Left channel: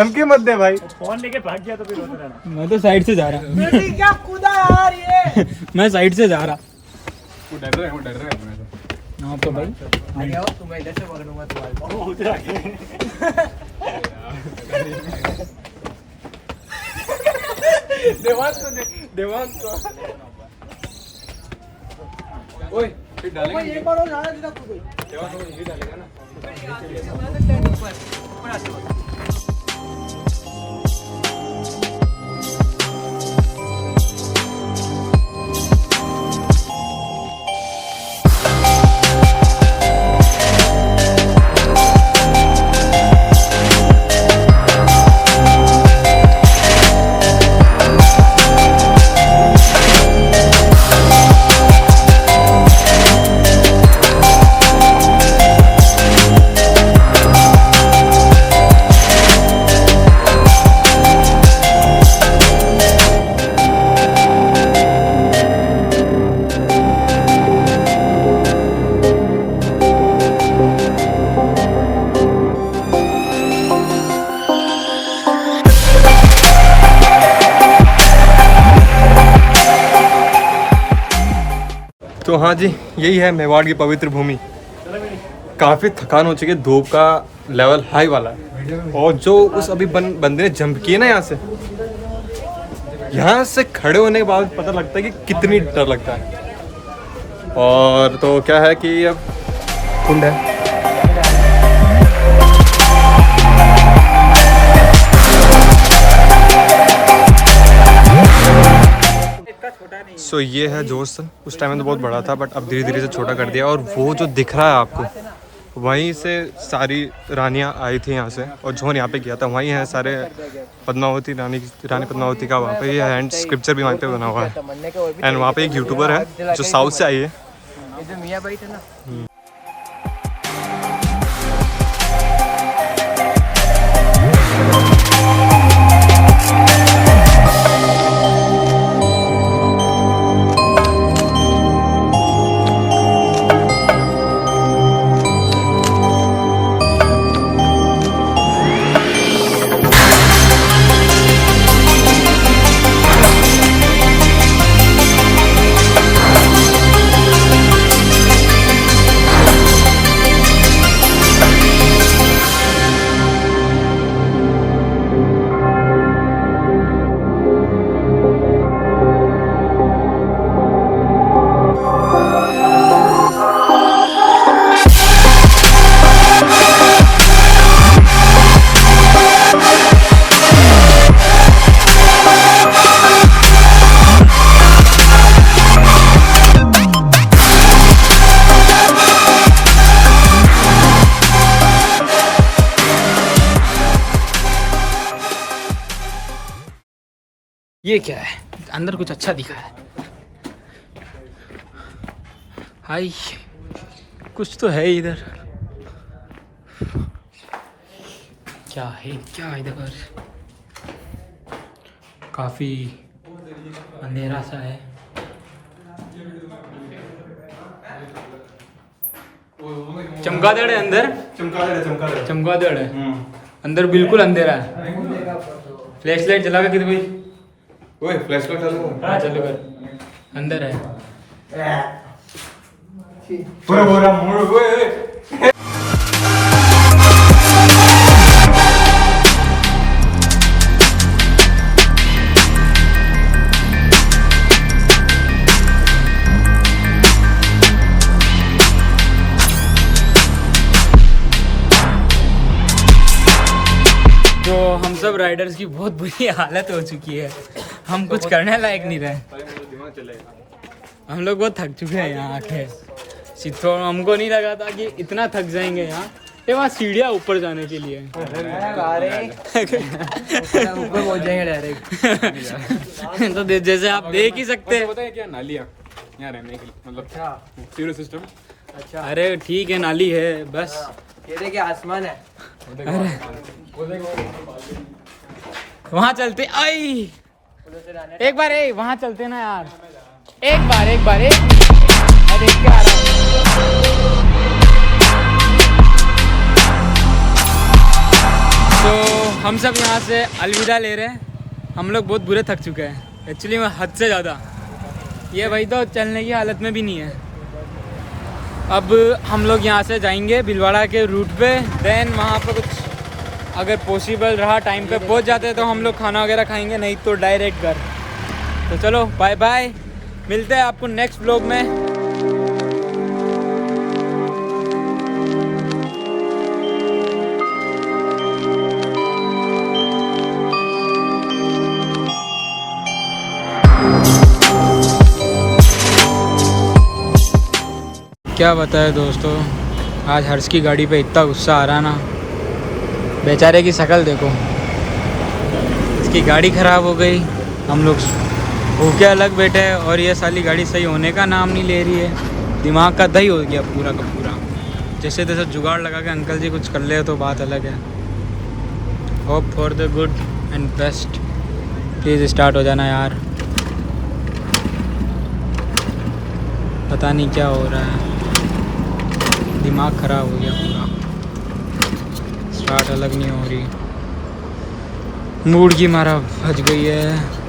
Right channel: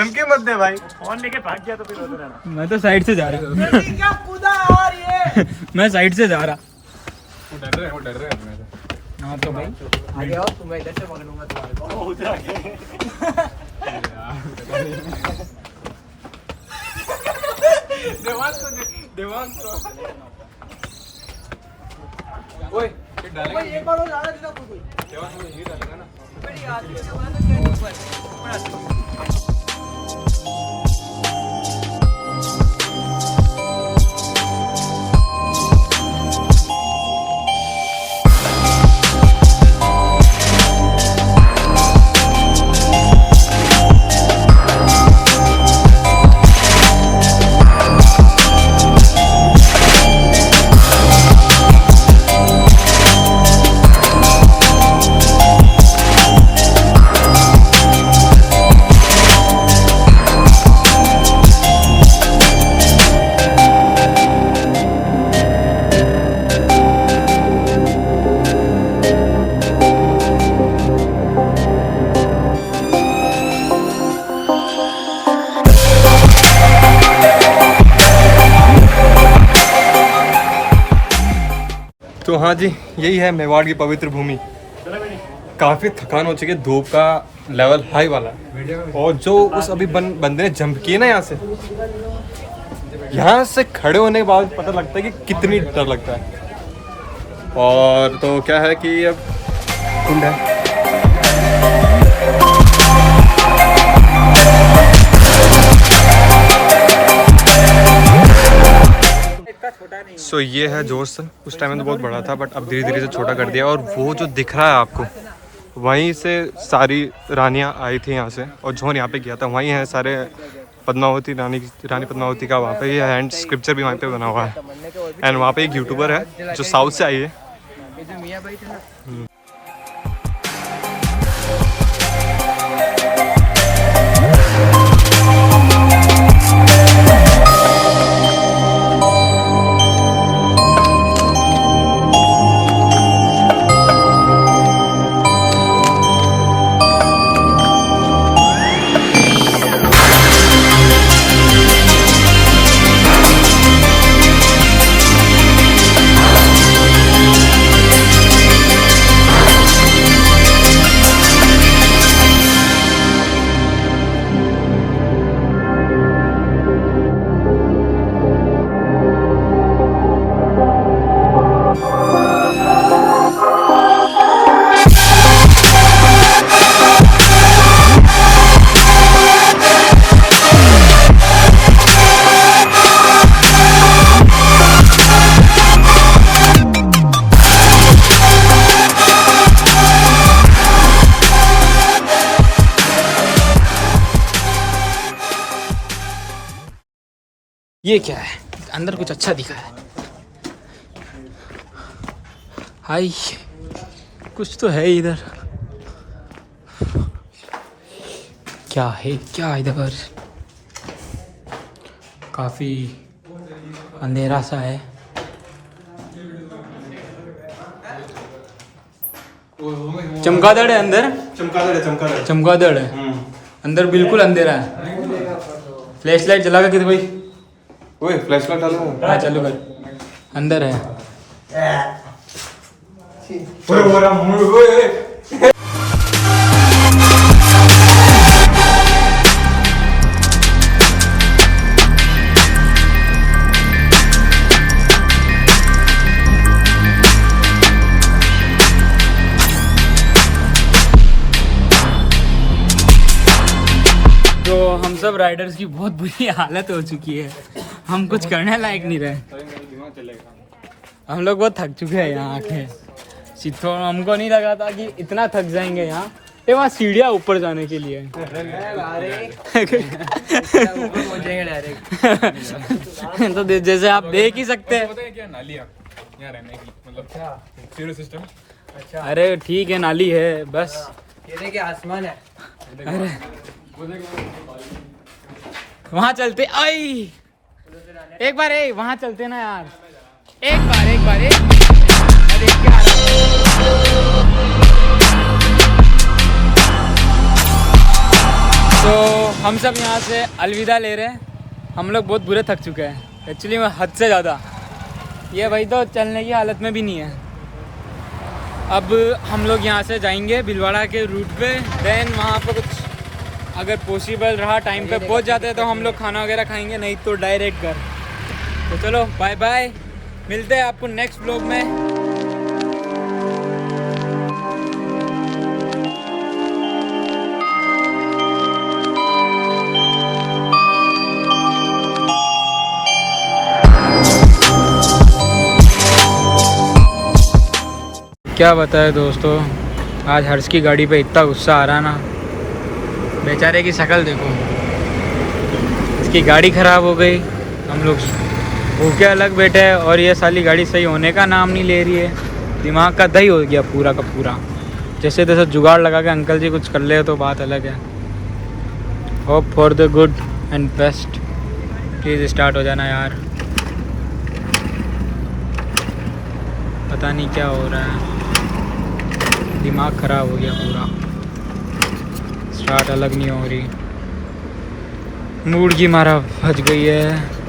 धमकी मत दे भाई। फोन लेके भाग गया तो फिर रोक लेना। मैं तो साइड से जा रहा हूँ। क्या कूदा यार ये। मैं साइड से जा रहा। वो डर रहा है हाँ तो भाई आगे आओ, तुम्हें इधर से पकड़ूंगा तुम्हारे को। वो उधर आके देवांश ओए ये डालेंगे। ये बार हो जा रहा है तू। देवांश ये डालेगा ना। तो हाँ जी, यही है मेवाड़ की पवित्र भूमि। काफ़ी थकान हो चुकी है, धूप का लेवल हाई वाला है। और जो उस अभी बंदे ने जंप किए ना यहाँ से खड़े होने के बाद पता लगता है कि कितनी डर लगता है। और तो क्या है कि अब कुंड है। सो ये है जोश। उस टाइम में तो बहुत बड़ा था, बट अब धीरे धीरे से छोटा कर दिया। और वो जो दिख रहा है आपको, वहीं से सारी रानियां आई थी यहाँ से, और जोन यहाँ पे किया था। वहीं है सारे पद्मावती रानी पद्मावती का वहाँ पे ये हैंड स्क्रिप्चर भी वहाँ पे बना हुआ है। एंड वहाँ पे एक यूट्यूबर है जो साउथ से आई है। ये क्या है? अंदर कुछ अच्छा दिखा है। हाय, कुछ तो है इधर। क्या है क्या इधर? काफी अंधेरा सा है। चमगादड़ है अंदर। चमगादड़ है अंदर, बिल्कुल अंधेरा है। फ्लैश लाइट जला के कोई। ओए फ्लैश लाइट डालो। हाँ चालू कर। अंदर है। तो हम सब राइडर्स की बहुत बुरी हालत हो चुकी है। हम कुछ करने लायक नहीं रहे। हम लोग बहुत थक चुके हैं यहाँ आके। चित्तौड़ हमको नहीं लगा था कि इतना थक जाएंगे यहाँ। ये वहाँ सीढ़ियाँ ऊपर जाने के लिए ऊपर पहुँच जाएंगे डायरेक्ट। तो जैसे आप देख ही सकते हैं। नालियाँ यहाँ रहने के लिए, मतलब सीवर सिस्टम। अच्छा, अरे ठीक है, नाली है बस। केले के आसमान है। अरे वहाँ चलते। आई एक बार वहाँ चलते ना यार। एक बार मैं देख के आ रहा हूँ। तो तो हम सब यहाँ से अलविदा ले रहे हैं। हम लोग बहुत बुरे थक चुके हैं एक्चुअली में, हद से ज़्यादा। ये भाई तो चलने की हालत में भी नहीं है। अब हम लोग यहाँ से जाएंगे भीलवाड़ा के रूट पे, देन वहाँ पर कुछ अगर पॉसिबल रहा टाइम पे पहुँच जाते तो हम लोग खाना वगैरह खाएंगे, नहीं तो डायरेक्ट घर। तो चलो बाय बाय, मिलते हैं आपको नेक्स्ट व्लॉग में। क्या बताए दोस्तों, आज हर्ष की गाड़ी पे इतना गुस्सा आ रहा ना, बेचारे की शक्ल देखो। इसकी गाड़ी ख़राब हो गई, हम लोग भूखे अलग बैठे हैं और ये साली गाड़ी सही होने का नाम नहीं ले रही है। दिमाग का दही हो गया पूरा का पूरा। जैसे तैसे जुगाड़ लगा के अंकल जी कुछ कर ले तो बात अलग है। Hope for the good and best. Please start हो जाना यार, पता नहीं क्या हो रहा है, दिमाग ख़राब हो गया पूरा। स्टार्ट अलग नहीं हो रही, मूड की मारा फंस गई है।